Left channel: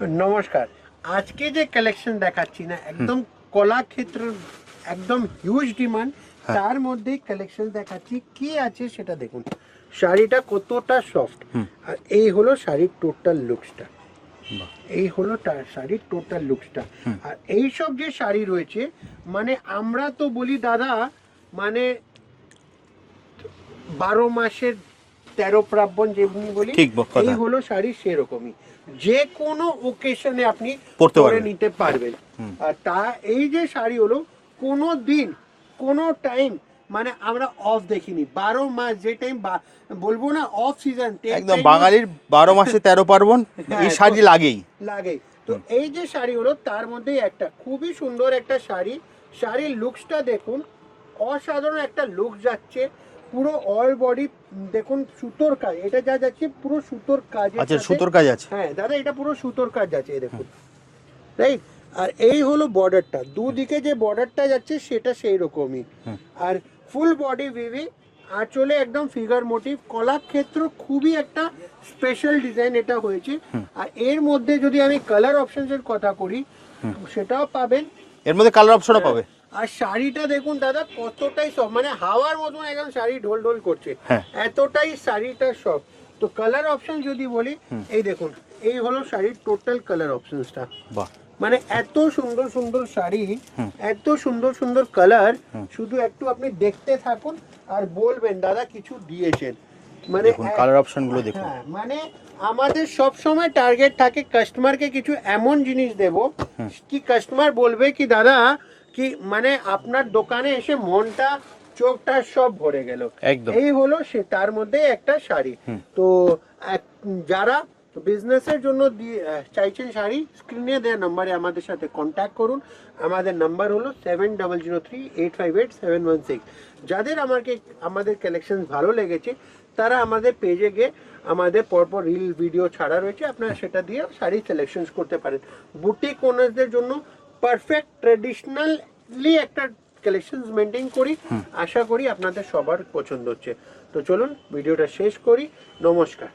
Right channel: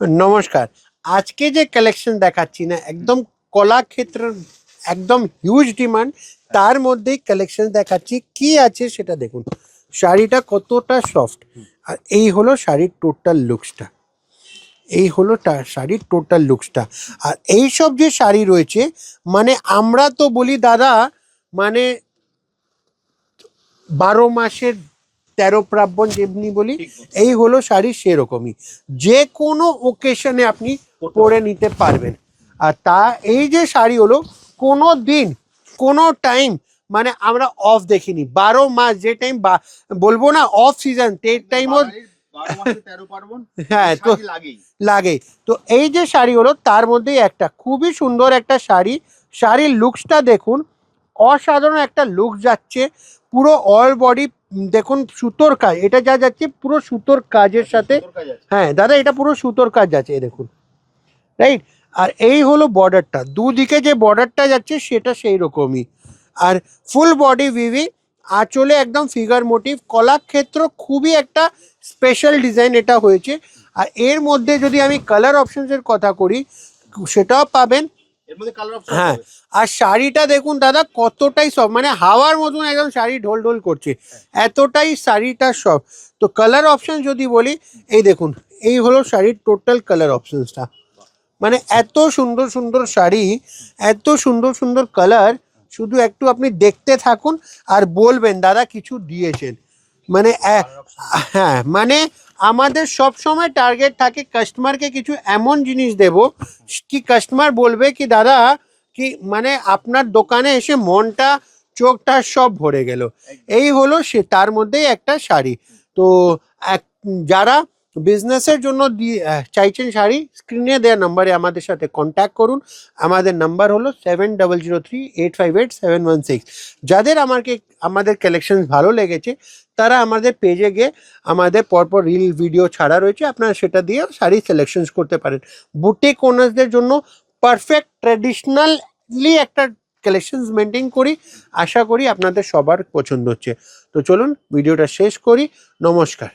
নমস্কার। আজকে যে কালেকশন দেখাচ্ছি না একদম কলাক্ষেত্রের একদম হিউজ ডিমান্ড, তার মধ্যেই কালেকশন দেখাচ্ছি। কি আছে সেটা দেখুন। শাড়িটা কতটা সফট, আর এই হলো শাড়ির টোটাল লুকসটা। এই হলো শাড়ির টোটাল লুকসটা। আর এই সব যে শাড়ি রয়েছে, মানে আমরা তো বলি দাদা, মানে 12 মাসের 13 পার্বণ যেমনি বলি, এই হলো শাড়ি সেরকমই। যে কোনো ওকেশনে আপনি পরে নিতে পারবেন। আর তা এই যে শাড়ি হলো, কোনো দিন কোনো টাইম মানে আমরা অফ দেখিনি। 12 মাস যে টাইম বলবো না অফ সিজন, বাঙালির 12 মাসে 13 পার্বণ শাড়ি লাগে। তো এই যে শাড়ি হলো তার মধ্যে একটা খুবই সুন্দর একটা শাড়ি। শাড়ির লুকসটা দেখুন, অসাধারণ একটা লুক যাচ্ছে। পুরো অল বডি দেখুন সুতোর কাজ, এটা যা যাচ্ছে পুরো সুতোর কাজের সাথে। সুতোর কাজ আছে, হ্যাঁ দাদা, এটা পুরো সুতোর কাজ আছে, এই দেখুন, রাইট। আর এই হলো বর্ডারটা, দুদিকে যে বর্ডারটা যাচ্ছে সেটা সেই রকমই। আর ফুল বডি ভিভি, আঁচলে একদম ফিগার মোটিভ, কলাক্ষেত্র খুবই একটা স্পেশাল ডিজাইন এটা হয়েছে। আর এর মধ্যে যদি আমি কালার অপশনসের কথা করি, সেটাও পাবেন, এর মধ্যে কালার অপশন পাবে। আর শাড়িটা দেখুন দাদা কতটাই সব, মানে হাওয়ার মতন একদম শাড়ি ঢোল ঢোল করছে, এতটাই শাড়িটা সব। তো কালার অপশন যদি বলি, এই দেখুন, এই হলো শাড়ির টোটাল কালার অপশনসটা। মানে এত সুন্দর সুন্দর শাড়ি, এত সুন্দর সুন্দর কালার, শুধু একটু আপনি দেখতে থাকুন আর বলবেন দাদা কিছু দিয়েছেন। মানে হ্যাঁ, মানে আমাদের সব সময় টার্গেট থাকে কাস্টমারকে কিছু এমন জিনিস দেব কি কাস্টমার বলবে কি দাদা কি মানে আপনার দোকানে এসে মনটা চোখটা সব ভরে গেল। এই হলো সে, তার মধ্যে একটা শাড়ি। তো যারা বিজনেসের জন্য চাইছেন শাড়ি, স্ক্রিনে দেওয়া নাম্বারে আমাদের সাথে কন্ট্যাক্ট করুন। আমাদের নাম্বার হলো 7003858716। যাদের আমাদের কালেকশন ভালো লেগেছে তারা আমাদের পেজে গিয়ে আমাদের পরপর রিল ভিডিও ছাড়া রয়েছে, আপনারা সেটা দিয়ে শাড়ি সিলেকশনস করতে পারেন। বুটিক ওনার্সদের জন্য পারফেক্ট ট্র্যাডিশনালি একটা কালেকশনস মেনটেন করি। আশা করি আপনাদের সবার পছন্দ হচ্ছে। তো চলুন ভিডিওটা শেষ করি। নমস্কার।